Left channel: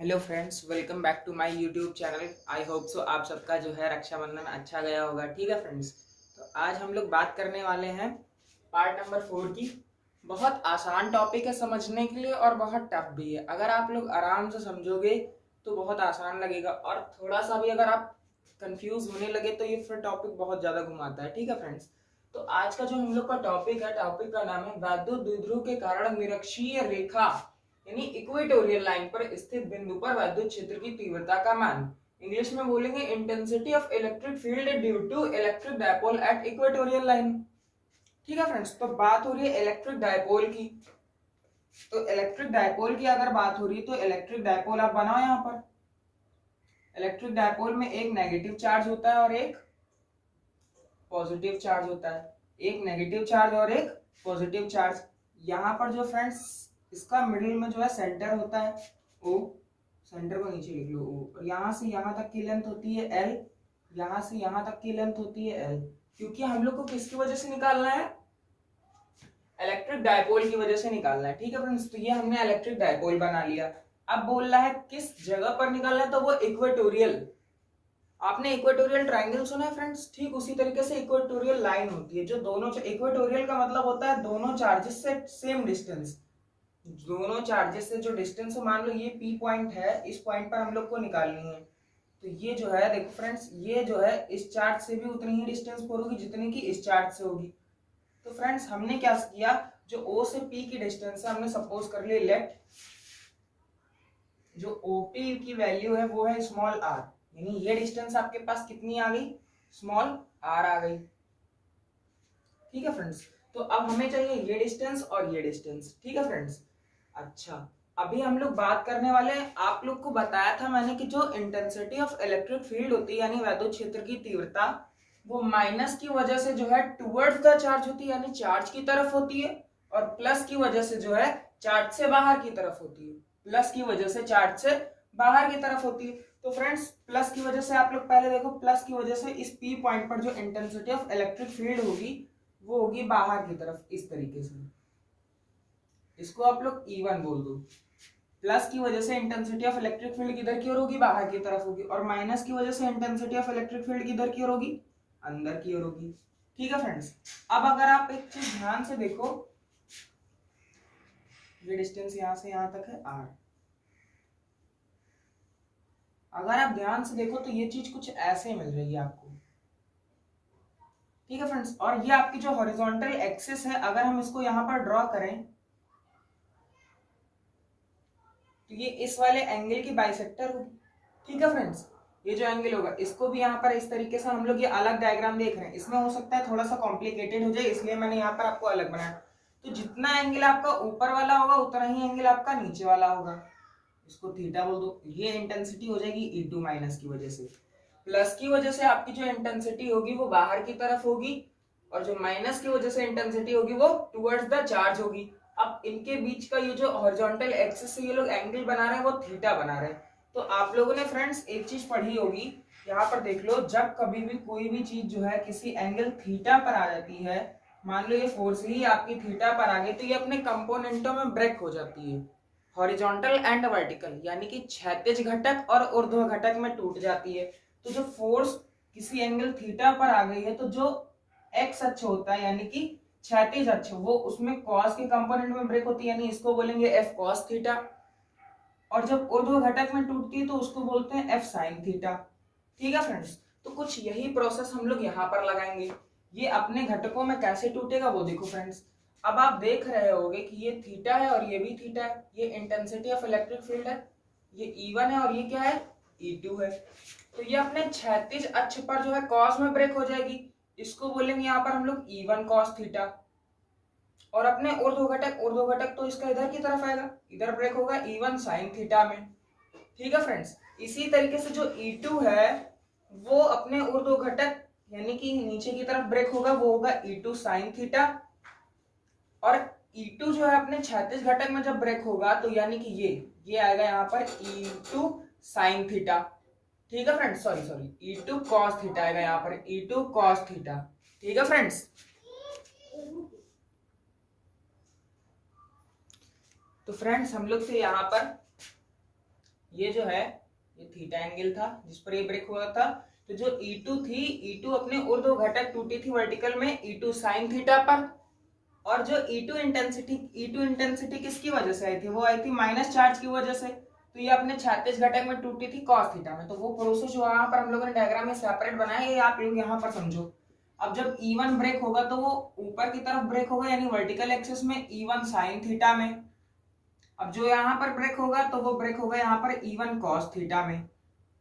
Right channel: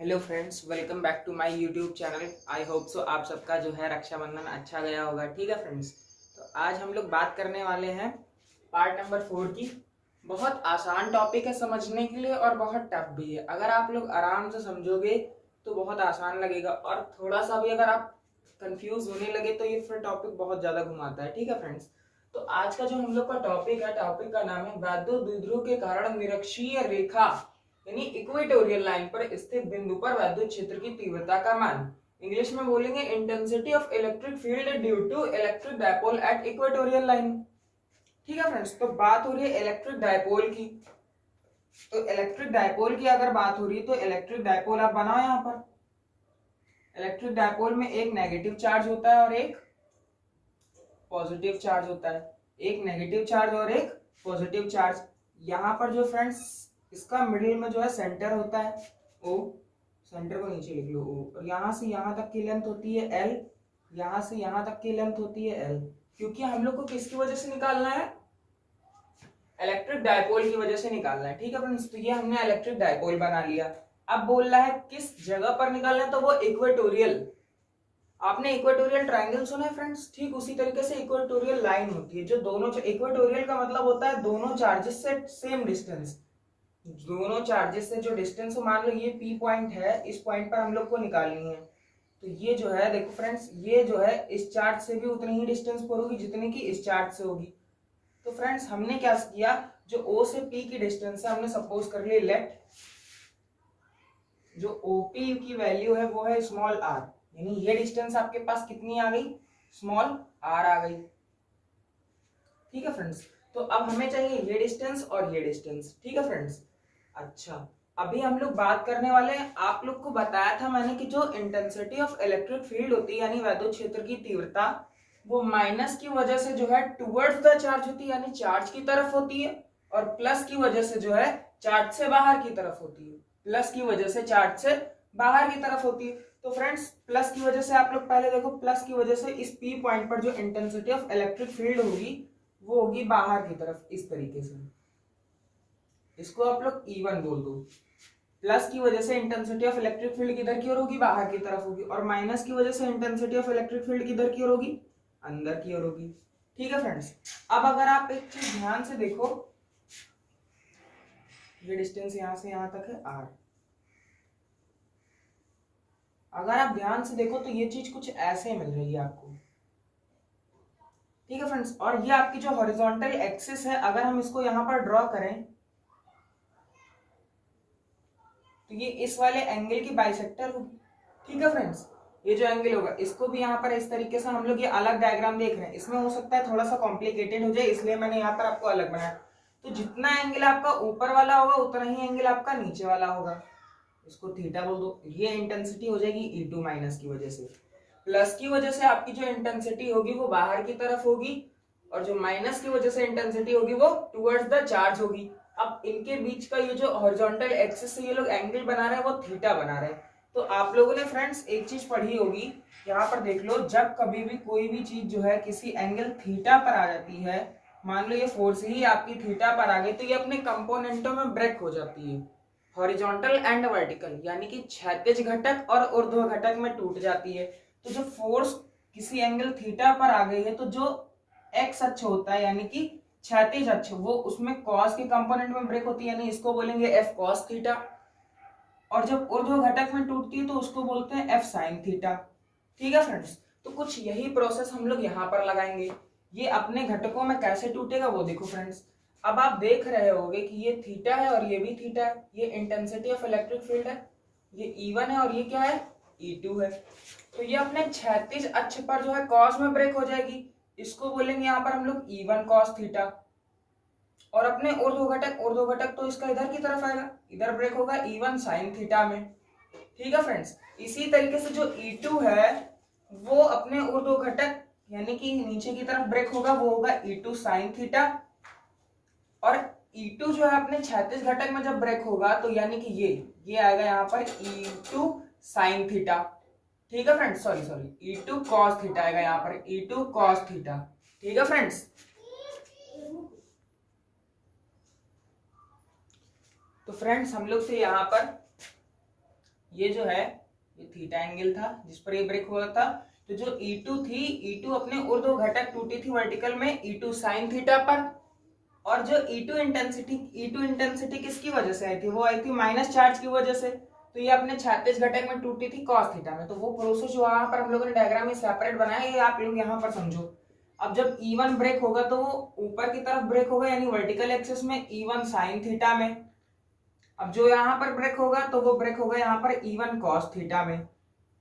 Hello friends, welcome back to my YouTube channel. I hope so आप सबका जो है रक्षाबंधन अच्छा गया होगा। ठीक है फ्रेंड्स, तो आज हम लोग बात करने वाले हैं पार्ट नंबर 4 की। बहुत आसान टॉपिक है समझने के लिए और बहुत टफ भी है। अगर आप लोग आराम से समझोगे तो बहुत आसान लगेगा, और थोड़ा सा भी अगर आप कंफ्यूज होने लगे तो ये फिर टॉपिक बहुत ज़्यादा घुमाता है। ठीक है फ्रेंड्स, तो आज का जो हम लोग का टॉपिक है, टॉपिक का नाम है वैद्युत द्विध्रुव के कारण निरक्षीय रेखा यानी इक्वेटोरियल लाइन पर स्थित बिंदु पर वैद्युत क्षेत्र की तीव्रता का मान। इंग्लिश में बोलेंगे intensity of electric field due to electric dipole at equatorial line. ठीक है फ्रेंड्स, तो बात हो रही है इलेक्ट्रिक डायपोल की। तो इलेक्ट्रिक डायपोल की अगर बात हो रही है तो इलेक्ट्रिक डायपोल आप बनाओ। यहाँ पर इलेक्ट्रिक डायपोल में एक नेगेटिव चार्ज होता है और एक पॉजिटिव चार्ज होता है। एक नेगेटिव चार्ज और एक पॉजिटिव चार्ज। यहाँ पर जो फ्रेंड्स इसका मिडिल में जो है सेंटर होता है ओ, सेंटर को नीचे लिख लो ओ, और यहाँ से यहाँ तक की लेंथ होती है एल, यहाँ से यहाँ तक की लेंथ होती है एल। क्योंकि हम लोग को किसकी वजह से निकालना है? इलेक्ट्रिक डायपोल की वजह से निकालना है। ठीक है फ्रेंड्स, तो ये हमने इलेक्ट्रिक डायपोल बना लिया। अब बोल रहा है किस जगह पर निकालना है, तो वो इक्वेटोरियल। आपने इक्वेटोरियल ट्रायंगल सुना है फ्रेंड्स? ठीक उसी तरीके से इक्वेटोरियल लाइन होती है जो दोनों, इक्वेटोरियल का मतलब होता है दोनों चार्जेस से सेम डिस्टेंस। दोनों चार्जेस से जो डिस्टेंस, मान लो ये पी पॉइंट है, इस पॉइंट पर हम लोग को निकालनी है। तो ये जो है देखो फ्रेंड्स, ये जो है इस चार्ज से भी उतनी ही डिस्टेंस पर होगी जितनी की इस चार्ज से होगी। तो फ्रेंड्स हमने क्या किया, जो ओ से पी की डिस्टेंस है हमने सपोज कर लिया लेट, जो ओपी की वैल्यू है वो है स्मॉल आर, यानी ये डिस्टेंस आपके पास कितनी आ गई? स्मॉल आर आ गई। ठीक है फ्रेंड्स, तो अब हमें चाहिए ये डिस्टेंस और ये डिस्टेंस। ठीक है फ्रेंड्स, अच्छा अभी हम लोग बात करने वाले हैं, आप लोग को बताया था मैंने कि जो इंटेंसिटी ऑफ इलेक्ट्रिक फील्ड होती है यानी वैद्युत क्षेत्र की तीव्रता, वो माइनस की वजह से जो है टुवर्ड्स द चार्ज होती है यानी चार्ज की तरफ होती है, और प्लस की वजह से जो है चार्ज से बाहर की तरफ होती है। प्लस की वजह से चार्ज से बाहर की तरफ होती है। तो फ्रेंड्स प्लस की वजह से आप लोग पहले देखो, प्लस की वजह से इस पी पॉइंट पर जो इंटेंसिटी ऑफ इलेक्ट्रिक फील्ड होगी वो होगी बाहर की तरफ इस तरीके से। इसको आप लोग E1 बोल दो। प्लस की वजह से इंटेंसिटी ऑफ इलेक्ट्रिक फील्ड किधर की ओर होगी? बाहर की तरफ होगी। और माइनस की वजह से इंटेंसिटी ऑफ इलेक्ट्रिक फील्ड किधर की ओर होगी? अंदर की ओर होगी। ठीक है फ्रेंड्स, अब अगर आप एक चीज ध्यान से देखो, ये डिस्टेंस यहां से यहां तक है आर। अगर आप ध्यान से देखो तो ये चीज कुछ ऐसे मिल रही है आपको। ठीक है फ्रेंड्स, और ये आपकी जो हॉरिजॉन्टल एक्सिस है, अगर हम इसको यहां पर ड्रॉ करें तो ये इस वाले एंगल की बाइसेक्टर होगी। ठीक है फ्रेंड्स, ये जो एंगल होगा इसको भी यहाँ पर इस तरीके से हम लोग ये अलग डायग्राम देख रहे हैं, इसमें हो सकता है थोड़ा सा कॉम्प्लिकेटेड हो जाए, इसलिए मैंने यहाँ पर आपको अलग बनाया। तो जितना एंगल आपका ऊपर वाला होगा उतना ही एंगल आपका नीचे वाला होगा। इसको थीटा बोल दो। ये इंटेंसिटी हो जाएगी E2 माइनस की वजह से। प्लस की वजह से आपकी जो इंटेंसिटी होगी वो बाहर की तरफ होगी, और जो माइनस की वजह से इंटेंसिटी होगी वो टुवर्ड्स द चार्ज होगी। अब इनके बीच का ये जो हॉरिजॉन्टल एक्सिस से ये लोग एंगल बना रहे हैं वो थीटा बना रहे हैं। तो आप लोगों ने फ्रेंड्स एक चीज पढ़ी होगी, यहाँ पर देख लो, जब कभी भी कोई भी चीज जो है किसी एंगल थीटा पर आ जाती है, मान लो ये फोर्स ही आपकी थीटा पर आ गई, तो ये अपने कंपोनेंटों में ब्रेक हो जाती है। हॉरिजॉन्टल एंड वर्टिकल यानी कि क्षैतिज घटक और ऊर्ध्व घटक में टूट जाती है। तो जो फोर्स किसी एंगल थीटा पर आ गई है, तो जो एक्स अक्ष होता है यानी कि क्षैतिज अक्ष, वो उसमें कॉस के कंपोनेंट में ब्रेक होती है, यानी इसको बोलेंगे एफ कॉस थीटा। और जब ऊर्ध्व घटक में टूटती है तो उसको बोलते हैं एफ साइन थीटा। ठीक है फ्रेंड्स, तो कुछ यही प्रोसेस हम लोग यहाँ पर लगाएंगे। ये अपने घटकों में कैसे टूटेगा वो देखो फ्रेंड्स। अब आप देख रहे होगे कि ये थीटा है और ये भी थीटा है, ये इंटेंसिटी ऑफ इलेक्ट्रिक फील्ड है, ये E1 है और ये क्या है? E2 है। तो ये अपने क्षैतिज अक्ष पर जो है कॉस में ब्रेक हो जाएगी, इसको बोलेंगे यहाँ पर हम लोग E1 कॉस थीटा। और अपने ऊर्ध्व घटक तो इसका इधर की तरफ आएगा, इधर ब्रेक होगा E1 साइन थीटा में। ठीक है फ्रेंड्स, इसी तरीके से जो E2 है वो अपने ऊर्ध्व घटक यानी कि नीचे की तरफ ब्रेक होगा, वो होगा E2 साइन थीटा। और E2 जो है अपने क्षैतिज घटक में जब ब्रेक होगा तो यानी कि ये आएगा यहाँ पर E2 साइन थीटा। ठीक है friends, sorry E2 cos theta आएगा यहाँ पर, E2 कॉस थीटा। ठीक है फ्रेंड्स, तो फ्रेंड्स हम लोग से यहाँ पर ये जो है ये थीटा एंगल था जिस पर ये ब्रेक हुआ था। तो जो E2 थी, E2 अपने ऊर्ध्व घटक टूटी थी वर्टिकल में E2 साइन थीटा पर, और जो E2 इंटेंसिटी किसकी वजह से आई थी, वो आई थी माइनस चार्ज की वजह से। तो ये अपने क्षैतिज घटक में टूटी थी कॉस थीटा में। तो वो प्रोसेस जो वहां पर हम लोगों ने डायग्राम में सेपरेट बनाया, ये आप लोग यहाँ पर समझो। अब जब E1 ब्रेक होगा तो वो ऊपर की तरफ ब्रेक होगा, यानी वर्टिकल एक्सिस में E1 साइन थीटा में। अब जो यहाँ पर ब्रेक होगा तो वो ब्रेक होगा यहाँ पर E1 कॉस थीटा में।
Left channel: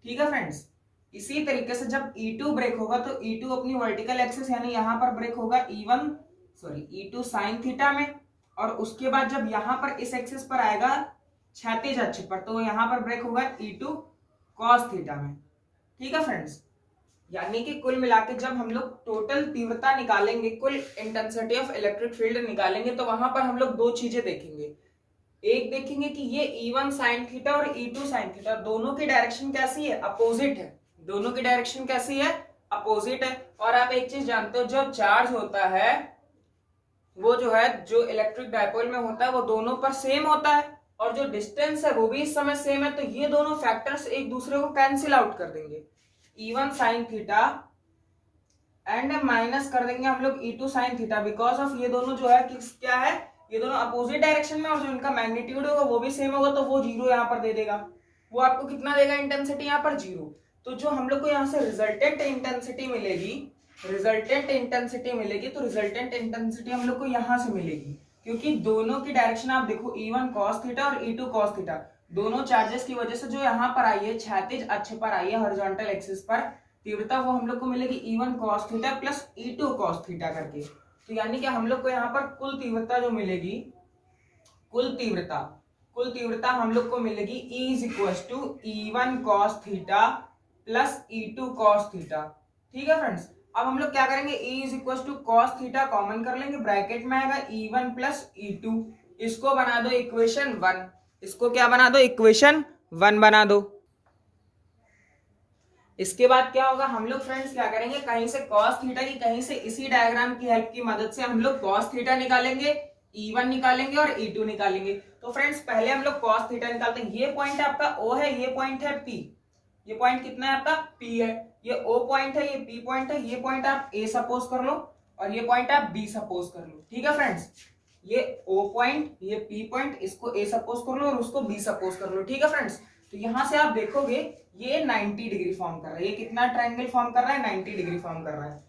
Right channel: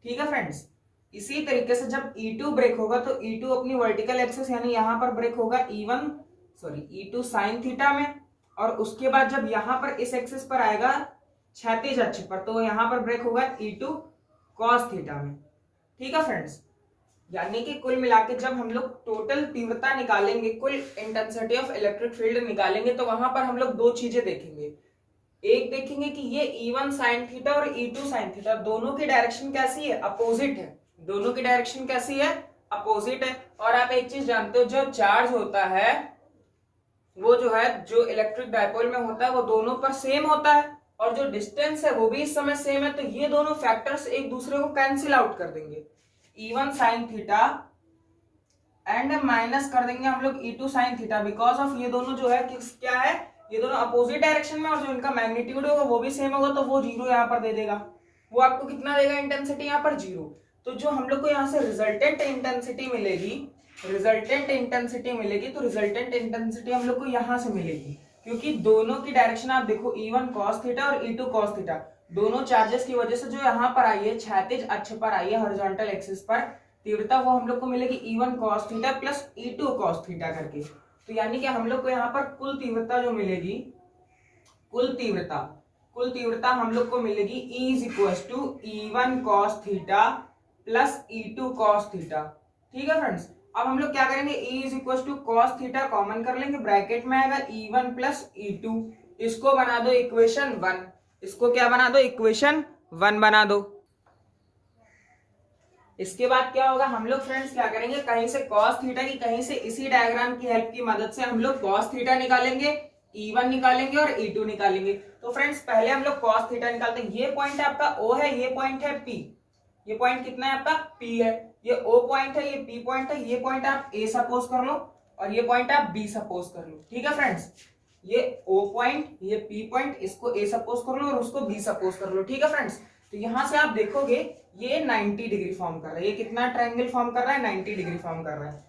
ठीक है फ्रेंड्स, इसी तरीके से जब E2 ब्रेक होगा तो E2 अपनी वर्टिकल एक्सिस यानी यहाँ पर ब्रेक होगा E2 साइन थीटा में, और उसके बाद जब यहाँ पर इस एक्सिस पर आएगा क्षैतिज अक्ष पर तो यहाँ पर ब्रेक होगा E2 कॉस थीटा में। ठीक है फ्रेंड्स, यानी कि कुल मिलाकर जब हम लोग टोटल तीव्रता निकालेंगे, कुल इंटेंसिटी ऑफ इलेक्ट्रिक फील्ड निकालेंगे, तो वहां पर हम लोग दो चीजें देखेंगे। एक देखेंगे कि ये E1 साइन थीटा और E2 साइन थीटा दोनों की डायरेक्शन कैसी है, अपोजिट है। दोनों की डायरेक्शन कैसी है, अपोजिट है। और आप एक चीज जानते हो, जो चार्ज होता है वो जो है जो इलेक्ट्रिक डायपोल में होता है वो दोनों पर सेम होता है, और जो डिस्टेंस है वो भी इस समय सेम है। तो ये दोनों फैक्टर्स एक दूसरे को कैंसिल आउट कर देंगे। E1 sine theta and minus कर देंगे हम लोग E2 sine theta, because of ये दोनों जो है क्या है, ये दोनों अपोजिट डायरेक्शन में, और जो इनका मैग्नीट्यूड होगा वो भी सेम होगा, तो वो जीरो यहाँ पर दे देगा। वो आपको कितना देगा इंटेंसिटी, यहाँ पर जीरो। तो जो हम लोग को यहाँ से रिजल्टेंट इंटेंसिटी मिलेगी, तो रिजल्टेंट इंटेंसिटी हम लोग को यहाँ से मिलेगी, क्योंकि दोनों की डायरेक्शन आप देखो, E1 cos थीटा और E2 cos थीटा, दोनों चार्जेस की वजह से जो यहाँ पर आई है, क्षैतिज अक्ष पर आई है, हॉरिजॉन्टल एक्सिस पर तीव्रता, वो हम लोग को मिलेगी E1 cos theta plus E2 cos theta करके। तो यानी कि हम लोग को यहाँ पर कुल तीव्रता जो मिलेगी, कुल तीव्रता हम लोग को मिलेगी E is equal to E1 cos theta plus E2 cos theta. ठीक है फ्रेंड्स, अब हम लोग क्या करेंगे, E is equal to cos theta common कर लेंगे, ब्रैकेट में आएगा E1 प्लस E2, इसको बना दो इक्वेशन 1, इसको क्या बना दो, इक्वेशन 1 बना दो। इसके बाद क्या होगा, हम लोग फ्रेंड्स क्या करेंगे, कहीं से cos थीटा की, कहीं से इसी डायग्राम की हेल्प की मदद से हम लोग cos थीटा निकालेंगे, E1 निकालेंगे और E2 निकालेंगे। तो फ्रेंड्स पहले हम लोग cos थीटा निकालते हैं। ये पॉइंट आपका O है, ये पॉइंट है P, ये पॉइंट कितना है आपका P है, ये O पॉइंट है, ये P पॉइंट है, ये पॉइंट आप A सपोज कर लो और ये पॉइंट आप B सपोज कर लो। ठीक है फ्रेंड्स, ये O पॉइंट, ये P पॉइंट, इसको A सपोज कर लो और उसको B सपोज कर लो। ठीक है फ्रेंड्स, तो यहां से आप देखोगे ये 90 डिग्री फॉर्म कर रहा है, ये कितना ट्रायंगल फॉर्म कर रहा है, 90 डिग्री फॉर्म कर रहा है।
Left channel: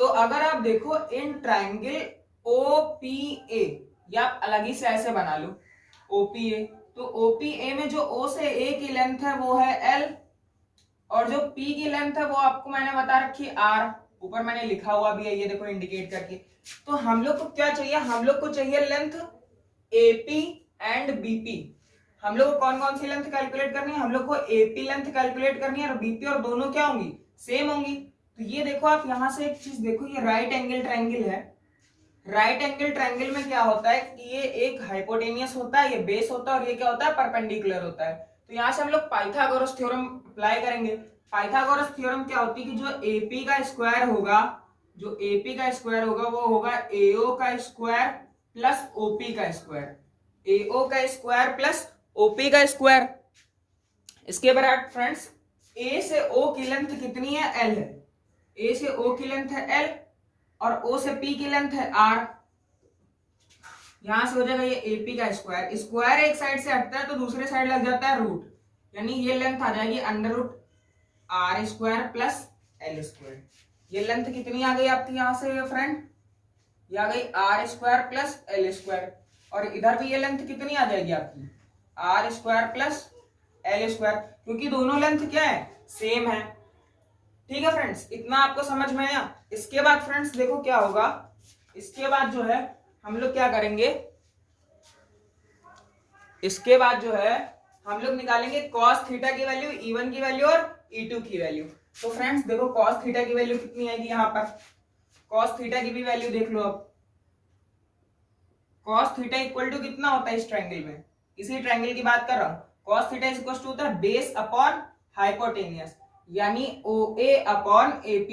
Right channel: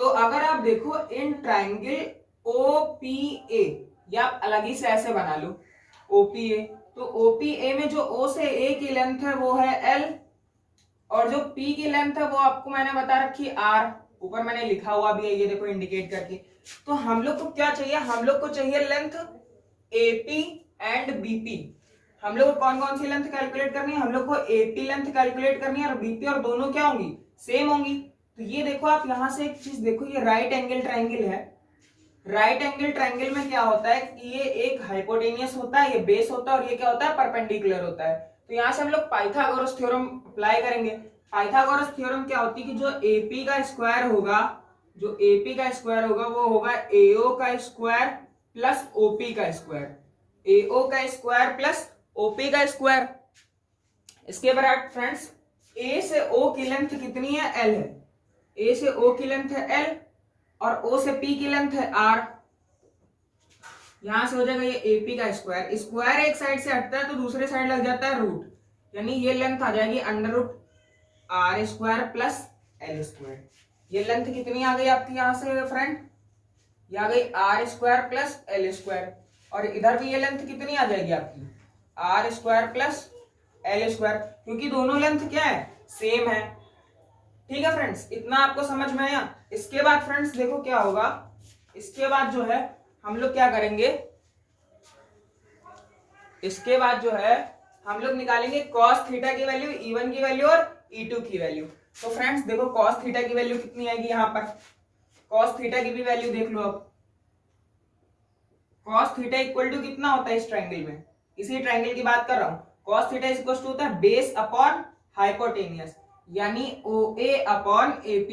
तो अगर आप देखो इन ट्रायंगल OPA, या आप अलग ही से ऐसे बना लो OPA, तो OPA में जो O से A की लेंथ है वो है L, और जो P की लेंथ है वो आपको मैंने बता रखी R, ऊपर मैंने लिखा हुआ भी है, ये देखो इंडिकेट करके। तो हम लोग को क्या चाहिए, हम लोग को चाहिए लेंथ AP एंड BP। हम लोग को कौन कौन सी लेंथ कैलकुलेट करनी है, हम लोग को AP लेंथ कैलकुलेट करनी है और BP, और दोनों क्या होंगी, सेम होंगी। तो ये देखो आप यहां से एक चीज देखो, ये राइट एंगल ट्रायंगल है। राइट एंगल ट्रायंगल में क्या होता है कि ये एक हाइपोटेनियस होता है, ये बेस होता है, और ये क्या होता है, परपेंडिकुलर होता है। तो यहाँ से हम लोग पाइथागोरस थ्योरम अप्लाई करेंगे। पाइथागोरस थ्योरम क्या होती है कि जो AP का स्क्वायर होगा, जो AP का स्क्वायर होगा वो होगा AO का स्क्वायर प्लस OP का स्क्वायर, AO का स्क्वायर प्लस OP का स्क्वायर। इसके बाद फ्रेंड्स A से O की लेंथ कितनी है, L है, A से O की लेंथ है L और O से P की लेंथ है R। यहां से हो जाएगा ये AP का स्क्वायर, स्क्वायर एक साइड से हटता है तो दूसरे साइड लग जाता है रूट, यानी ये लेंथ आ जाएगी under root R square plus L square. ये लेंथ कितनी आ गई आपकी यहां से फ्रेंड, ये आ गई R square plus L square, और इधर भी ये लेंथ कितनी आ जाएगी आपकी R square plus L square, क्योंकि दोनों लेंथ क्या है, सेम है। ठीक है फ्रेंड्स, इतना आपको समझ में आया। इसके बाद फ्रेंड्स देखो क्या होगा, इसके बाद जो है हम लोग क्या करेंगे, इसके बाद जो है हम लोग निकालेंगे cos थीटा की वैल्यू, E1 की वैल्यू और E2 की वैल्यू। तो फ्रेंड्स देखो cos थीटा की वैल्यू कितनी आएगी, यहाँ पर cos थीटा की भी वैल्यू देख लो। अब cos थीटा इक्वल टू कितना होता है इस ट्रायंगल में, इसी ट्रायंगल की बात कर रहा हूं। cos थीटा इक्वल टू होता है बेस अपॉन हाइपोटेनियस, यानी OA upon AP,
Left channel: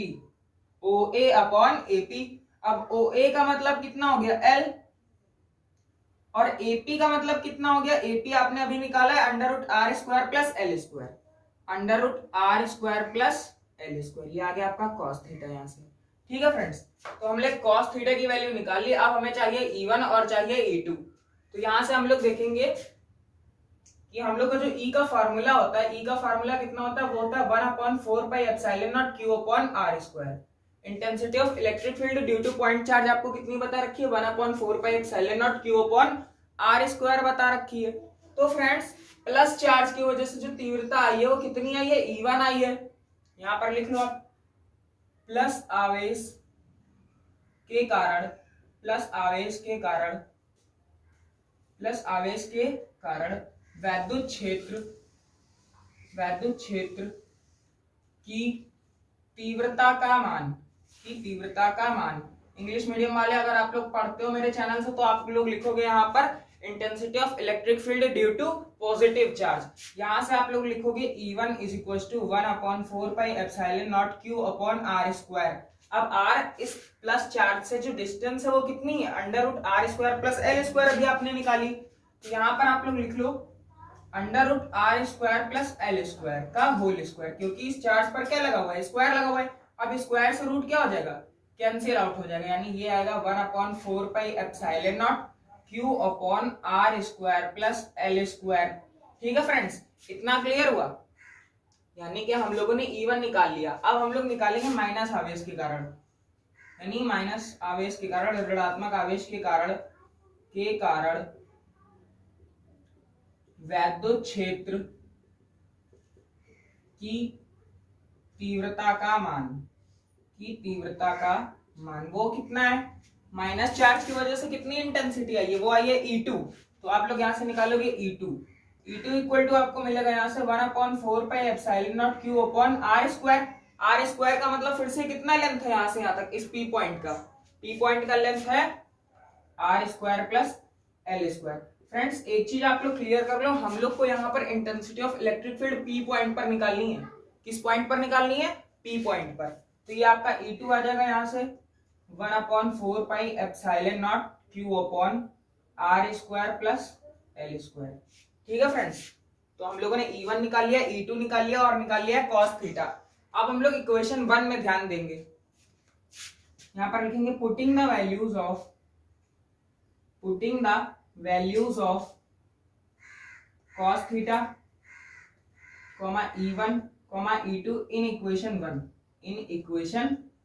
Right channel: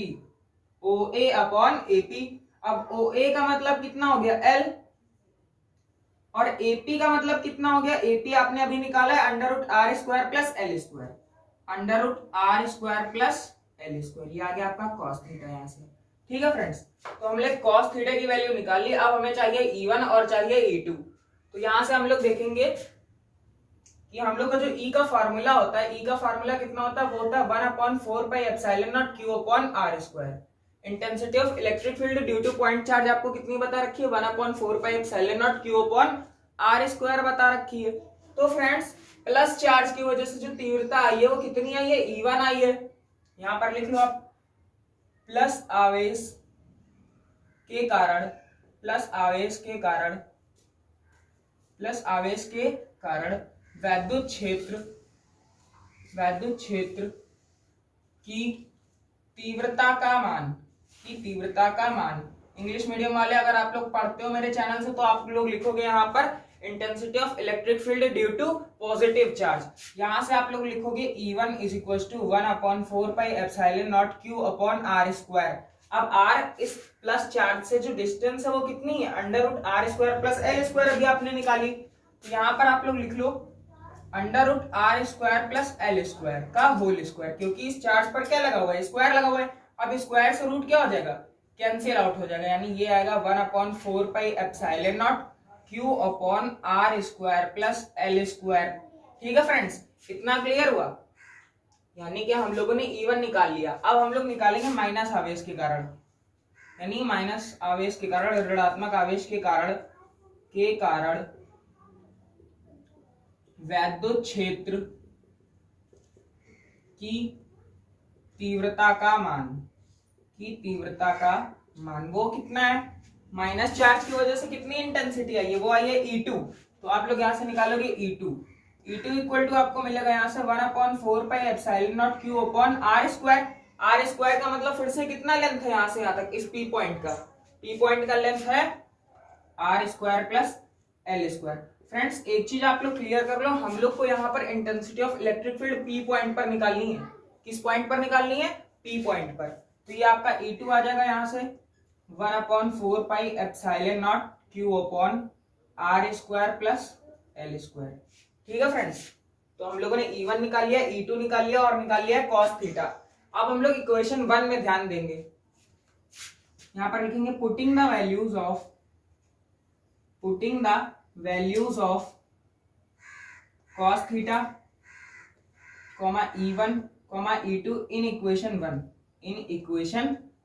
OA upon AP। अब OA का मतलब कितना हो गया L, और एपी का मतलब कितना हो गया, एपी आपने अभी निकाला है under root R square plus L square, under root R square plus L square, ये आ गया आपका कॉस थीटा यहाँ से। ठीक है फ्रेंड्स, तो हमने कॉस थीटा की वैल्यू निकाल ली। अब हमें चाहिए E1 और चाहिए E2। तो यहाँ से हम लोग देखेंगे कि हम लोग का जो E का फार्मूला होता है, E का फार्मूला कितना होता है, वो होता है 1/4 pi epsilon naught Q upon R square. Intensity of electric field due two point charge आपको कितनी बता रखी है, 1/4 pi epsilon naught Q upon R square बता रखी है। तो फ्रेंड्स प्लस चार्ज की वजह से जो तीव्रता आई है वो कितनी आई है, E1 आई है। यहां पर लिख लो आप, प्लस आवेश के कारण, प्लस आवेश के कारण, प्लस आवेश के कारण वैद्युत क्षेत्र की तीव्रता का मान, की तीव्रता का मान। इंग्लिश मीडियम वाले अगर आप लोग पढ़ते हो मेरे चैनल से तो आप लोग लिखोगे यहाँ पर intensity of electric field due to positive charge. यहां से आप लोग लिखोगे E1 is equal to 1/4 pi epsilon naught Q upon R square. अब R इस प्लस चार्ज से जो डिस्टेंस है वो कितनी है, under root R square plus L square अभी आपने निकाली। तो यहाँ पर आप लोग लिख लो under root R square plus L square का होल स्क्वायर, क्योंकि इस चार्ज पर क्या लगा हुआ है, स्क्वायर लगा हुआ है। अब स्क्वायर से रूट क्या हो जाएगा, कैंसिल आउट हो जाएगा, यानी ये आएगा 1/4 pi epsilon naught Q upon R square plus L square. ठीक है फ्रेंड्स, इतना क्लियर हुआ, यानी कि हम लोगों ने E1 निकाल लिया। अब हम लोग निकालेंगे माइनस आवेश के कारण, यानी माइनस आवेश के कारण, ऋणात्मक आवेश के कारण वैद्युत क्षेत्र की तीव्रता का मान, की तीव्रता का मान वो कितना है, माइनस चार्ज की वजह से कितनी इंटेंसिटी आई है, वो आई है E2। तो आप लोग यहां से निकालोगे E2 इक्वल टू आपको मिलेगा यहाँ से 1/4 pi epsilon naught Q upon R square. R square का मतलब फिर से कितना लेंथ है यहाँ से यहाँ तक, इस P पॉइंट का, P पॉइंट का लेंथ है R square plus L square. Friends एक चीज आप लोग क्लियर कर लो, हम लोग को यहाँ पर intensity of electric field P point पर निकालनी है। किस पॉइंट पर निकालनी है, P पॉइंट पर। तो ये आपका E2 आ जाएगा यहाँ से 1/4 pi epsilon naught Q upon R square plus L square. ठीक है फ्रेंड्स, तो हम लोगों ने E1 निकाल लिया, E2 निकाल लिया और निकाल लिया cos थीटा। अब हम लोग इक्वेशन 1 में ध्यान देंगे, यहां पर लिखेंगे putting the values of cos theta E1 E2 in equation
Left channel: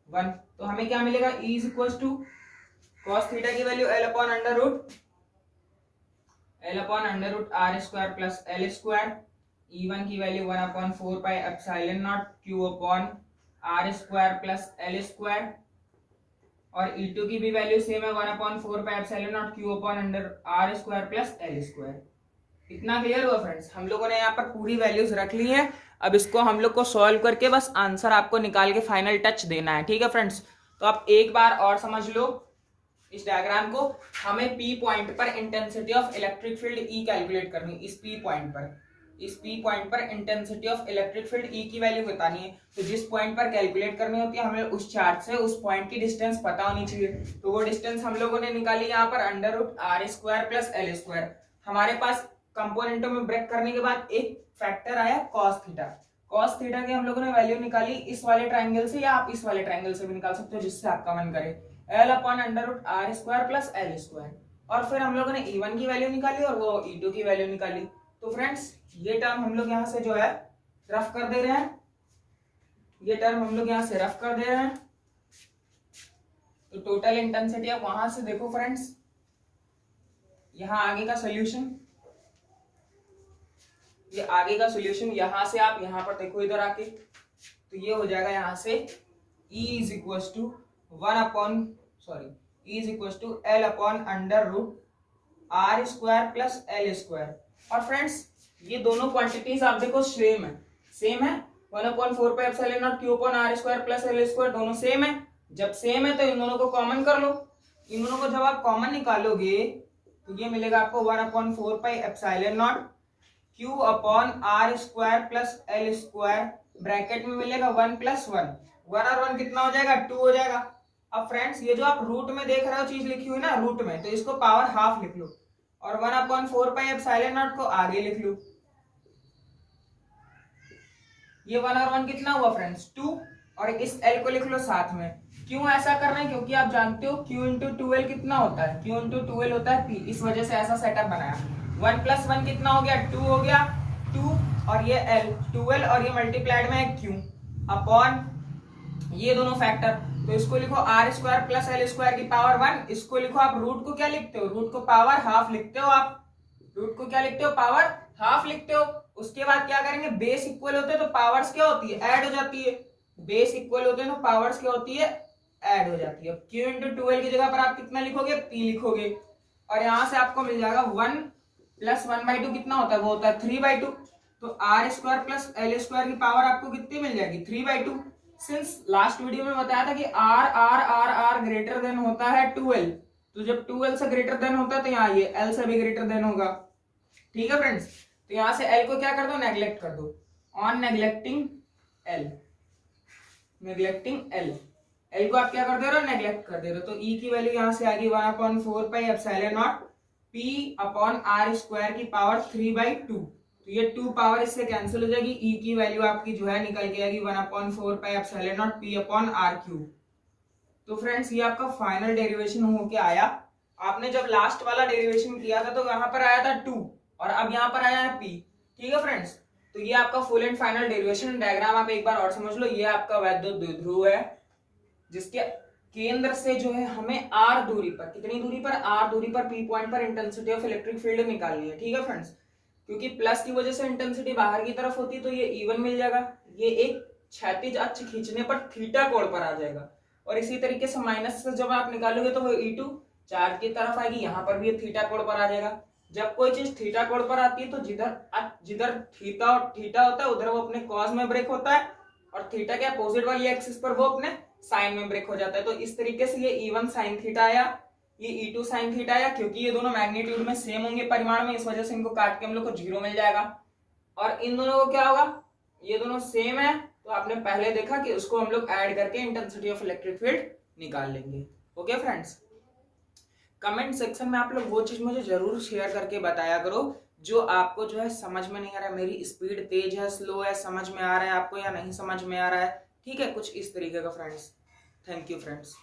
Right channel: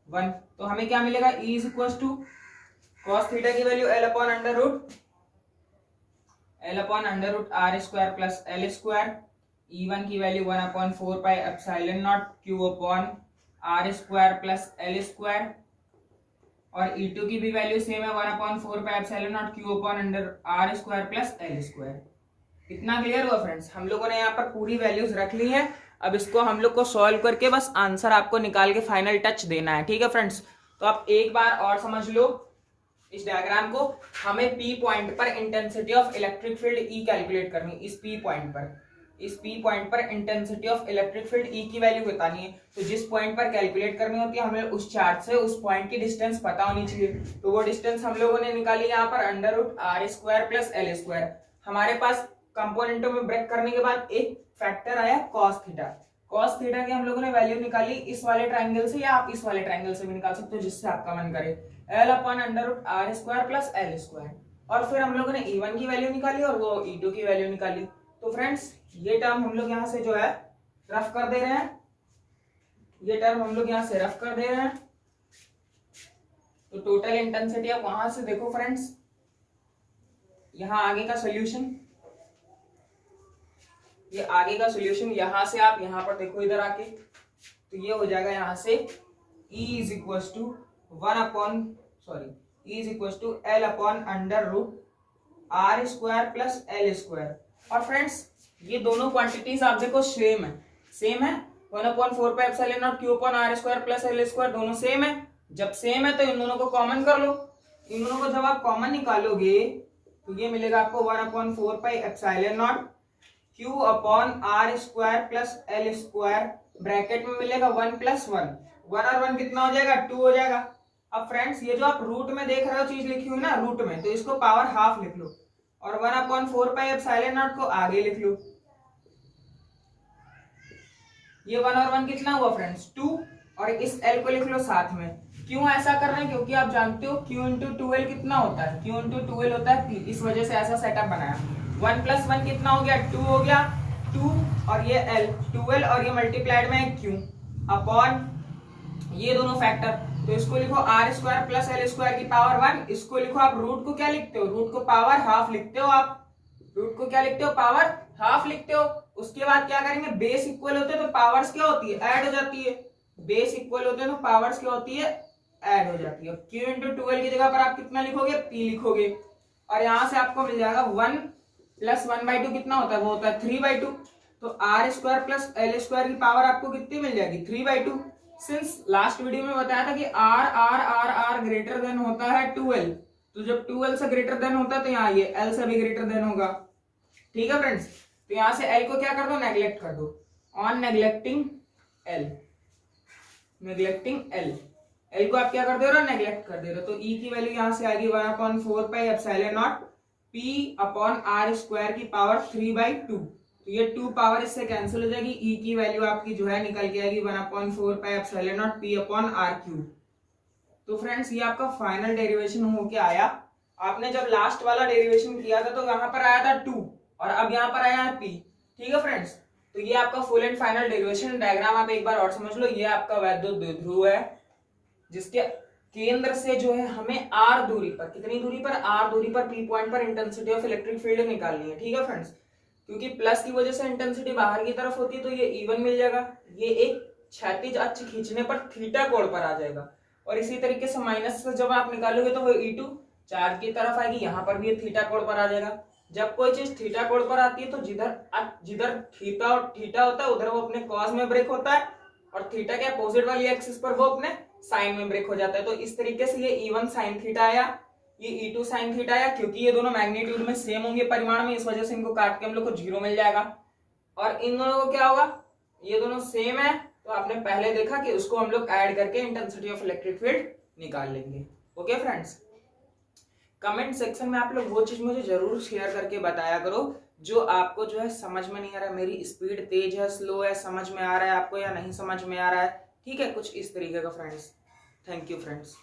1। तो हमें क्या मिलेगा, E is equal to cos theta की value L upon under root R square plus L square, E1 की value 1/4 pi epsilon naught Q upon R square plus L square, और E2 की भी value same है 1/4 pi epsilon naught Q upon under R square plus L square. इतना clear हुआ friends, हम लोगों ने यहाँ पर पूरी वैल्यूज रख ली है। अब इसको हम लोग को सॉल्व करके बस आंसर आपको निकाल के फाइनल टच देना है। ठीक है फ्रेंड्स, तो आप एक बार और समझ लो इस डायग्राम को। हमें P पॉइंट पर intensity of electric field E calculate करनी है। इस P पॉइंट पर intensity of electric field E की वैल्यू बतानी है। तो जिस पॉइंट पर कैलकुलेट करनी होती है हमें उस चार्ट से उस पॉइंट की डिस्टेंस पता होनी चाहिए। तो वो डिस्टेंस हम लोगों ने निकाली यहाँ पर under root R square plus L square. हमारे पास कंपोनेंटों में ब्रेक करने के बाद एक फैक्टर आया cos थीटा की हम लोगों ने वैल्यू निकाली इस वाले ट्राइंगल से, या आप इस वाले ट्राइंगल से भी निकाल सकते हो जिससे आपका मन करे, L upon under root R square plus L square. और फिर हम लोगों ने E1 की वैल्यू निकाली और वो E2 की वैल्यू निकाली। तो फ्रेंड्स ये टर्म हम लोग यहाँ से जो है रफ कर दे रहे हैं, तो टोटल इंटेंसिटी आप वहां से देखो फ्रेंड्स, यहाँ आगे का सोल्यूशन, ये आगे का सोल्यूशन यहां से आप यहाँ पर देखो इधर आके, तो ये हो जाएगा यहाँ से E is equal to L upon under root R square plus L square. और फ्रेंड्स ये दोनों क्वांटिटीज आप देखो सेम है 1/4 pi epsilon naught Q upon R square plus L square, दोनों सेम है। जब सेम है तो इन दोनों को कॉमन कर लो। इन दोनों को जब आप कॉमन निकालोगे तो ये मिलेगा आपको 1/4 pi epsilon naught Q upon R square plus L square, bracket में मिलेगा 1 प्लस 1 और 1 कितना हो जाएगा, 2 हो जाएगा। अब फ्रेंड्स ये जो आप रूट में देख रहे हो चीज लिखी हुई ना रूट में, तो इसको पावर हाफ लिख लो और 1/4 एप्सिलॉन नॉट को आगे लिख लो। ये 1 और 1 कितना हुआ फ्रेंड्स 2, और इस L को लिख लो साथ में। क्यों ऐसा कर रहे हैं? क्योंकि आप जानते हो Q इंटू 2L कितना होता है, Q इंटू 2L होता है P, इस वजह से ऐसा सेटअप बनाया। 1 + 1 कितना हो गया 2 हो गया, 2 और ये L 2L और ये मल्टीप्लाइड में है Q अपॉन ये दोनों फैक्टर, तो इसको लिखो r² + L² की पावर 1। इसको लिखो आप रूट को क्या लिखते हो, रूट को पावर हाफ लिखते हो, आप रूट को क्या लिखते हो पावर हाफ लिखते हो। उसके बाद क्या करेंगे, बेस इक्वल होते हैं तो पावर्स क्या होती है ऐड हो जाती है, बेस इक्वल होते हैं तो पावर्स क्या होती है ऐड हो जाती है। Q इंटू 2L की जगह पर आप कितना लिखोगे P लिखोगे, और यहां से आपको मिल जाएगा 1 + 1/2 कितना होता है, वो होता है 3/2। तो r² + L² की पावर आपको कितनी मिल जाएगी 3/2। सिंस लास्ट वीडियो में बताया था कि r ग्रेटर देन होता है 2L, तो जब 2L से ग्रेटर देन होता है तो यहाँ ये L से भी ग्रेटर देन होगा। ठीक है फ्रेंड्स, तो यहां से L को क्या कर दो नेग्लेक्ट कर दो, on neglecting L, neglecting L को आप क्या कर दे रहे हो नेग्लेक्ट कर दे रहे हो। तो E की वैल्यू यहां से आएगी 1/4 epsilon not P upon r² की पावर 3/2। तो ये 2 पावर इससे कैंसिल हो जाएगी, E की वैल्यू आपकी जो है निकल के आएगी 1/4 epsilon not P upon r³। तो फ्रेंड्स ये आपका फाइनल डेरिवेशन होके आया। आपने जब लास्ट वाला डेरिवेशन किया था तो यहाँ पर आया था 2 और अब यहाँ पर आया है P। ठीक है फ्रेंड्स, तो ये आपका full and final derivation diagram आप एक बार और समझ लो। ये आपका वैद्युत द्विध्रुव है जिसके केंद्र से जो है हमें r दूरी पर, कितनी दूरी पर r दूरी पर P पॉइंट पर इंटेंसिटी ऑफ इलेक्ट्रिक फील्ड निकालनी है। ठीक है फ्रेंड्स, क्योंकि प्लस की वजह से इंटेंसिटी बाहर की तरफ होती है तो ये E1 मिल जाएगा, ये एक क्षैतिज अक्ष खींचने पर थीटा कोण पर आ जाएगा, और इसी तरीके से माइनस से जब आप निकालोगे तो वो E2 चार्ज की तरफ आएगी, यहाँ पर भी ये थीटा कोण पर आ जाएगा। जब कोई चीज थीटा कोण पर आती है तो जिधर थीटा होता है उधर वो अपने कॉस में ब्रेक होता है, और थीटा के अपोजिट वाली एक्सिस पर वो अपने साइन में ब्रेक हो जाता है। तो इस तरीके से ये E1 sin थीटा आया, ये E2 sin थीटा आया, क्योंकि ये दोनों मैग्नीट्यूड में सेम होंगे परिमाण में, इस वजह से इनको काट के हम लोग को 0 मिल जाएगा। और इन दोनों को क्या होगा, ये दोनों सेम है तो आपने पहले देखा कि उसको हम लोग ऐड करके इंटेंसिटी ऑफ इलेक्ट्रिक फील्ड निकाल लेंगे। ओके फ्रेंड्स, कमेंट सेक्शन में आप लोग वो चीज मुझे जरूर शेयर करके बताया करो जो आपको जो है समझ में नहीं आ रहा है, मेरी स्पीड तेज है स्लो है, समझ में आ रहा है आपको या नहीं समझ में आ रहा है। ठीक है, कुछ इस तरीके का फ्रेंड्स। Thank you friends.